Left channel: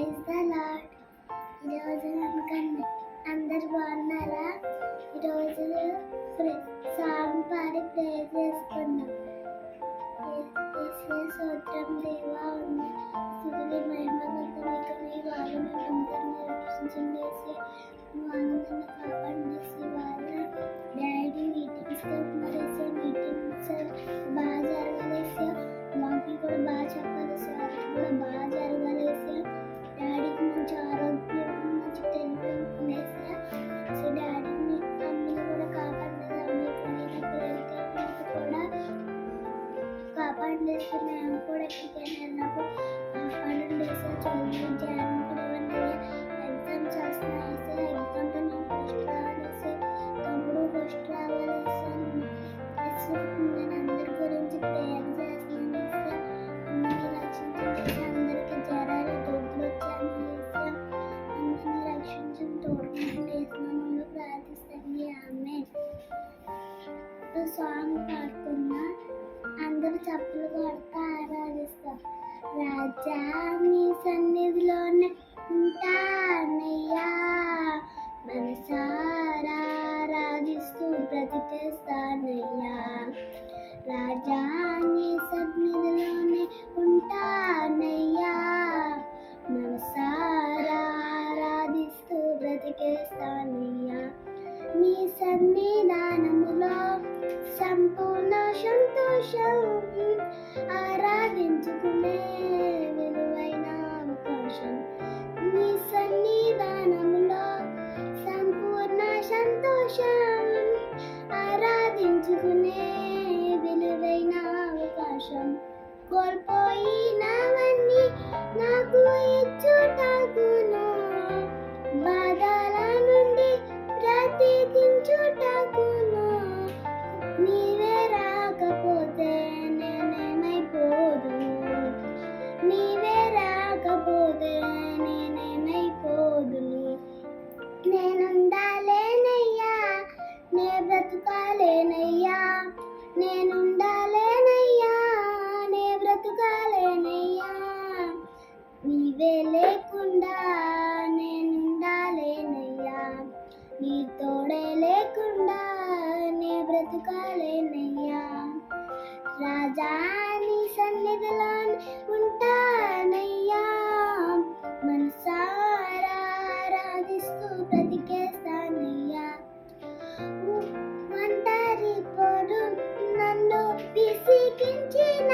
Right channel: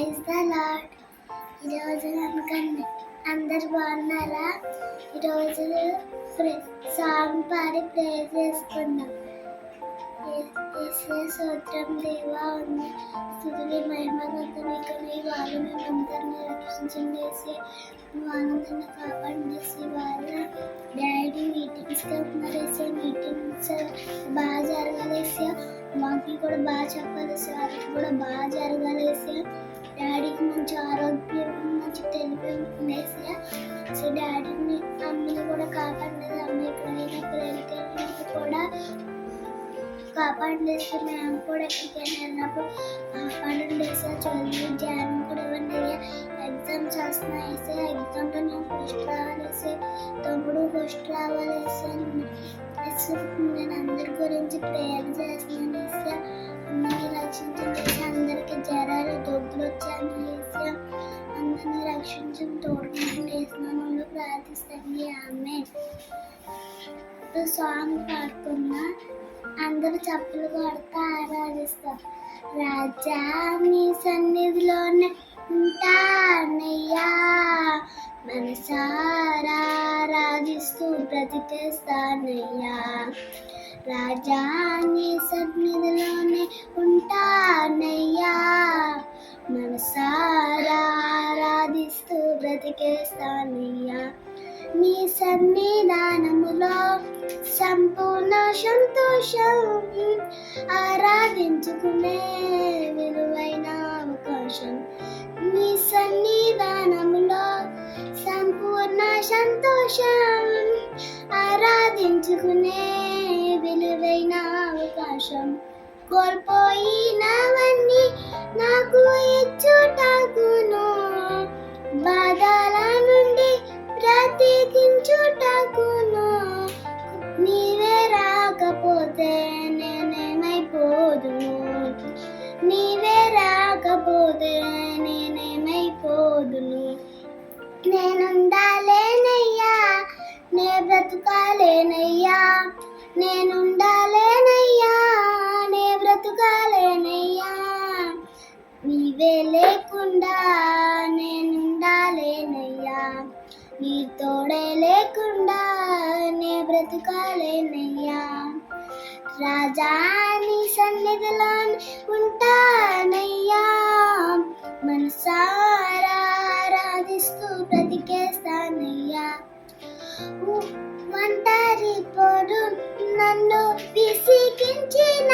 Praise the lord ఈరోజు అనుకండి అందరు బాగున్నారా? ఈరోజు సాంగ్ పాడి ప్రే చేసుకుందాం సూత్రం దేవా ఉంది. స్థుతులు మహిమగత మీకు మీ వాళ్ళని అందరినీ రక్షించండి వేసి వాళ్ళందరినీ కాపాడండి వేసి వాళ్ళ డాడీ మీటింగ్స్కి కాపాడండి సార్ మేము కూడా ఎక్కడికైనా వెళ్ళినప్పుడు కాపాడండి సార్ కూడా ఎగ్జామ్స్ వస్తున్నాయి సార్ ఎగ్జామ్లో నేను ఫస్ట్ సార్ తమ్ముడు ఫస్ట్ సార్ నేను అందరి గురించి ప్రేయర్ చేస్తున్నాను సార్ అందరినీ రక్షించండి అందరికీ జ్వరాలు దొబ్బులు వచ్చాను సార్ అందరినీ రక్షించండి తోడుకుంటూ వేసినాను ప్రార్థిస్తాను. ఆమె సాంగ్ చప్పులు కొడతా ఆరాధిస్తాం. రాజా మీ సన్నిధిలోనే ఉంటానయ్యా. మనసారా ఆరాధిస్తూ బ్రతికేస్తానయ్యా. రాజా నీ సన్నిధిలోనే ఉంటానయ్యా. మనసారా ఆరాధిస్తూ బ్రతికేస్తానయ్యా. మీ సన్నిధానములో సంపూర్ణ సంతోషం ఆరాధించుకునే విలువైన అవకాశం. మీ సన్నిధానములో సంపూర్ణ సంతోషం ఆరాధించుకునే విలువైన అవకాశం. కోల్పోయి రాజా నీ సన్నిధిలో ఉంటానయ్యా మనసారా ఆరాధిస్తూ బ్రతికేస్తానయ్యా. ఒంటరి పొడు నన్ను విసిగించిన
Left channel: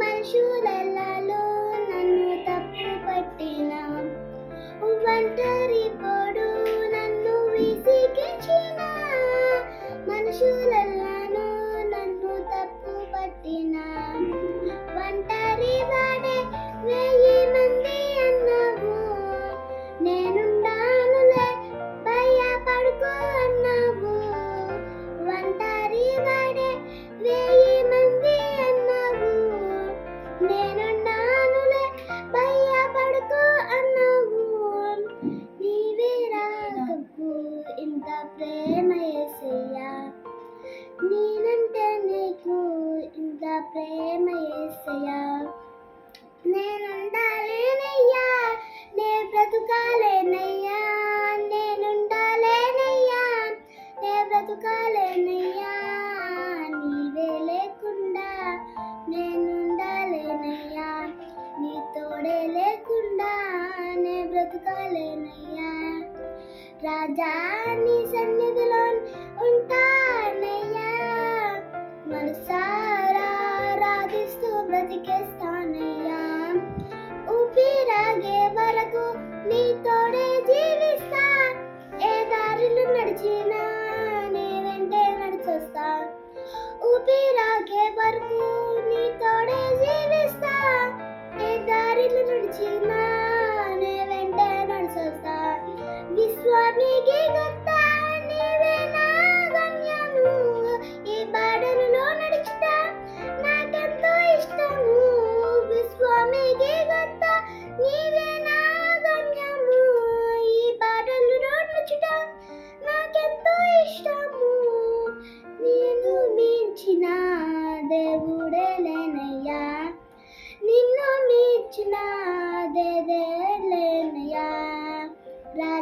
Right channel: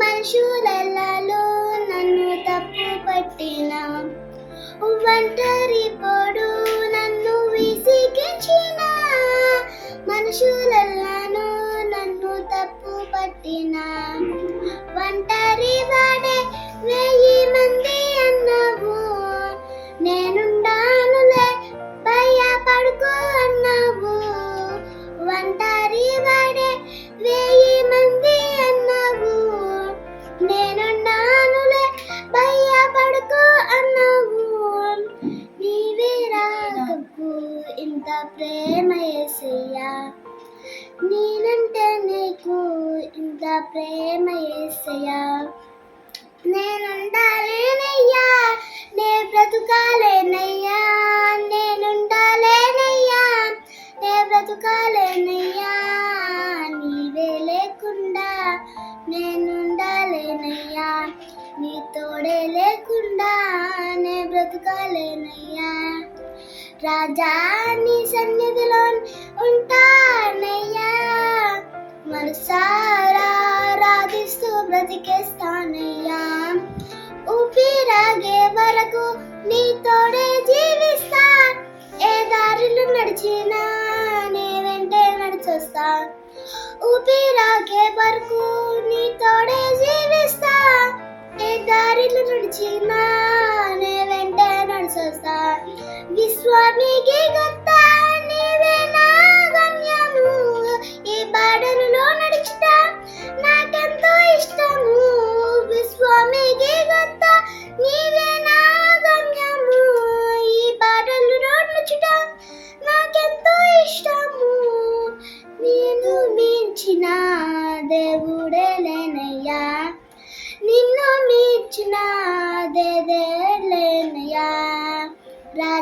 మనుషులలో నన్ను తప్పు పట్టిన ప్రేమ ఏసయ్యా. నేనంటే నీకు ఇంత ప్రేమ ఏసయ్యా. రాజా నీ సన్నిధిలో ఉంటానయ్యా. మనసారా ఆరాధిస్తూ బ్రతికేస్తానయ్యా. ఊపిరాగే వరకు నీ తోడే జీవిస్తా. ఏ దారిలో నడిచినా నీ వెంటే నడిచొస్తా. ఊపిరాగే వరకు నీ తోడే జీవిస్తా. ఏ దారిలో నడిచినా